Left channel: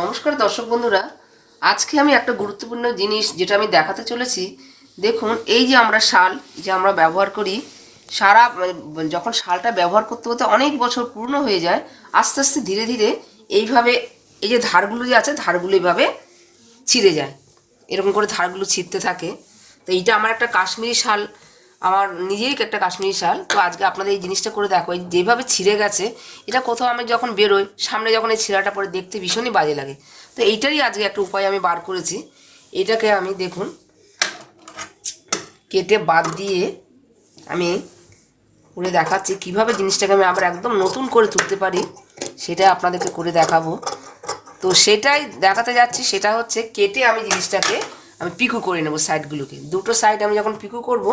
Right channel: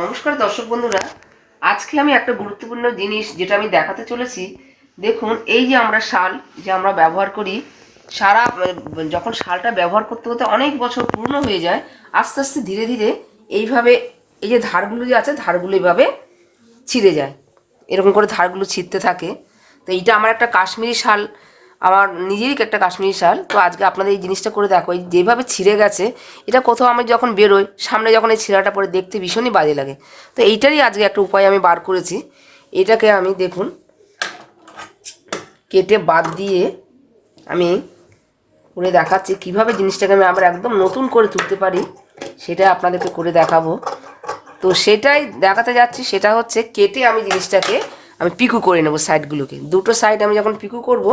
নমস্কার দর্শক বন্ধুরা, আজকে আমি একটা গুরুত্বপূর্ণ জিনিস যেটা আমি দেখাতে চলেছি। দেখুন, এই যে আমরা শাল যে আমরা ব্যবহার করি, সারা যখন শালটা ব্যবহার করতে করতে অনেক বছর পুরনো হয়ে যায়, আস্তে আস্তে ধীরে ধীরে এইভাবে এই যে ধারগুলো যে আছে ধারগুলো এইভাবে ছিঁড়ে যায়, এরকম করে ধারগুলো ছিঁড়তে থাকে। তো এইটা আমার একটা কাশ্মীরি শাল, আমার নিজেরই একটা কাশ্মীরি শাল। তো আজকে আপনাদের এই জিনিসটা করে দেখো, এই যেভাবে ছিঁড়ে গেছে, এটা কোথাও আমি যখন বেরোই সামনে যখন এই ছিঁড়াটা পরে দেখতে ভীষণই বাজে লাগে। তো এইটারই আজকে একটা উপায় আমি বার করেছি। এটাকে আমি দেখুন কেটে বাদ দিয়ে আমি করে দেখাচ্ছি কিভাবে জিনিসটাকে আমি আবার একদম নতুন করে তুলতে পারি, সেটা আপনাদেরকে করে দেখাবো। তো সেটাই দেখাতে যাচ্ছি, সেটা হচ্ছে কেটে আমি জিনিসটাকে আমি পিকু করে নেব সাইডগুলোকে। দুটো সাইড আমি যখন পিকু করব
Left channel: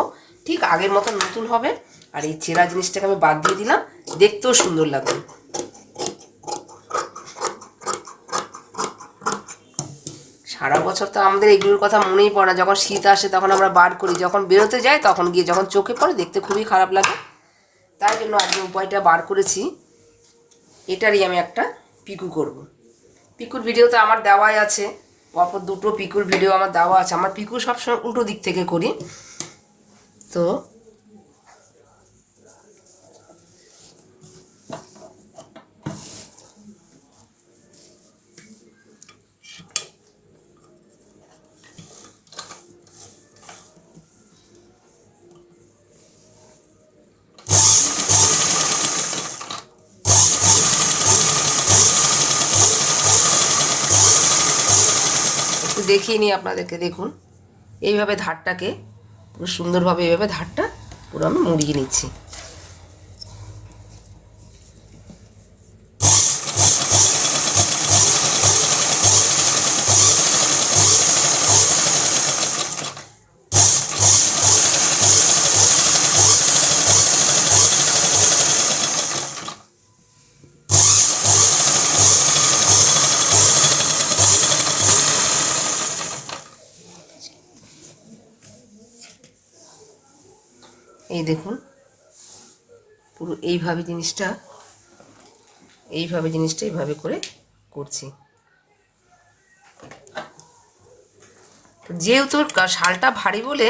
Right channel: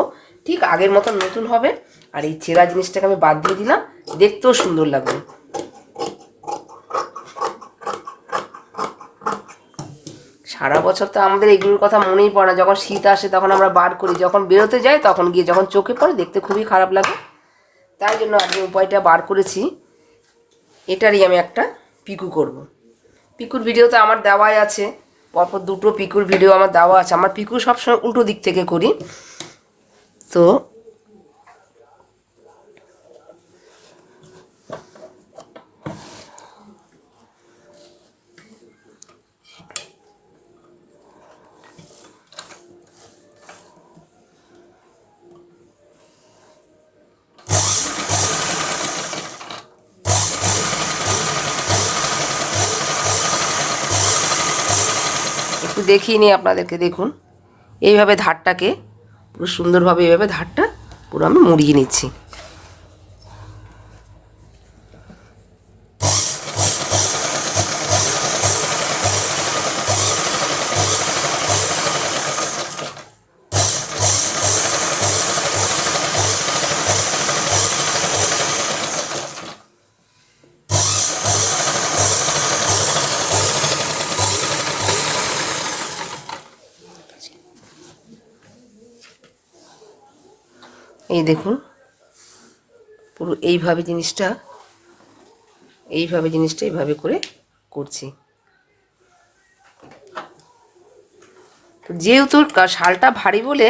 ঠিক আগের মতন নতুন হবে। আর এই ছেঁড়া জিনিসটাকে আমি বাদ দিয়ে দিলাম, দেখতেও সুন্দর লাগবে। সারা বছর তো আমাদের এগুলোর কথা মনেই পড়ে না, যখন শীত আসে তখন আমরা বার করি, যখন বেরোতে যাই তখন গিয়ে যখন চোখে পড়ে দেখতে খুবই খারাপ লাগে। তাই জন্য আজকে উপায়টা বার করেছি, এটারই আমি একটা পিকু করব। পিকুর ভিডিও তো আমার দেওয়াই আছে, পরপর দুটো পিকুর ভিডিও আমার দেওয়া আছে। আমার পিকু সবসময় উল্টো দিক থেকে করি। তো একটু দেখিয়ে নিই আপনাদেরকে। দেখুন, এইভাবে ধারটাকে পুরো সুন্দরভাবে এইভাবে ধারটা পুরো আমি মুড়িয়ে নিচ্ছি। এই দেখুন, পুরো এইভাবে জিনিসটা এইভাবে করে করছি। যেহেতু শালটা ভারী বলে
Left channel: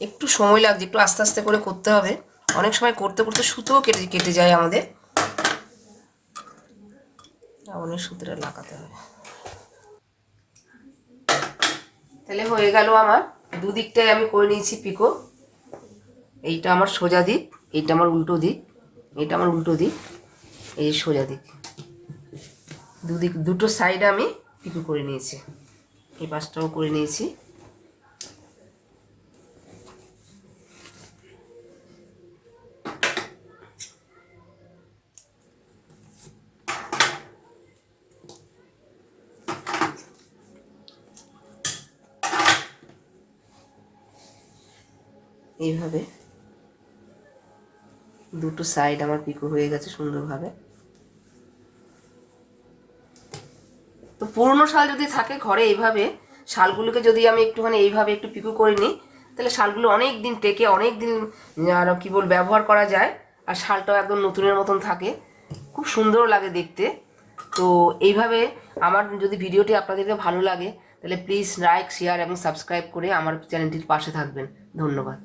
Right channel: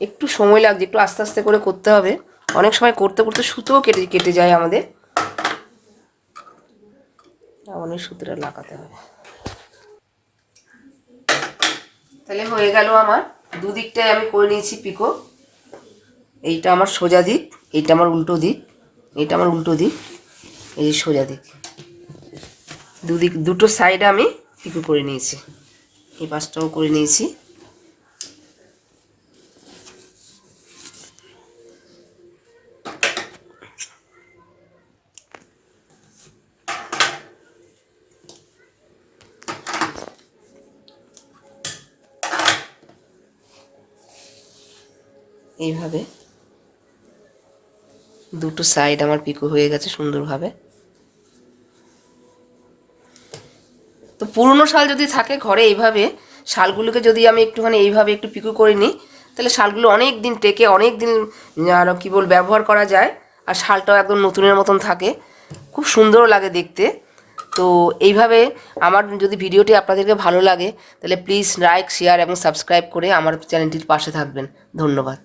একটু সময় লাগছে, একটু আস্তে আস্তে করে করতে হবে। অনেক সময় করতে করতে সুতোও কেটে কেটে যায় আমাদের, অনেক সুতোটা লাগাতে হবে। তাহলে হয়ে গেল আমার দুদিকটাই আমি করে নিয়েছি পিকো। এইটা আমার সোজা দিক, এইটা আমার উল্টো দিক, এইটা আমার উল্টো দিক, এই সোজা দিক, দুদিক দুটো সাইড আমি পিকো করে নিয়েছি। এই পাশটাও করে নিয়েছি। এইভাবে দুটো সাইড আমার পিকো হয়ে গেছে সুন্দরভাবে। তো পুরনো শাল যদি থাকে ঘরে, এইভাবে শালগুলোকে যদি আমি একটুখানি এইভাবে একটু পিকো করে নিই, তাহলে শালগুলো অনেক দিন টেকে, অনেক দিন কী বল ব্যবহার করা যায়। আর শালটাও একদম নতুনের মতন থাকে, খুব সুন্দর লাগে দেখতে। তো এইভাবে আমার যদি ভিডিওটি আপনাদেরকে ভালো লাগে, তাহলে প্লিজ লাইক, শেয়ার এবং সাবস্ক্রাইব করে আমার চ্যানেলটির পাশে থাকবেন। ধন্যবাদ।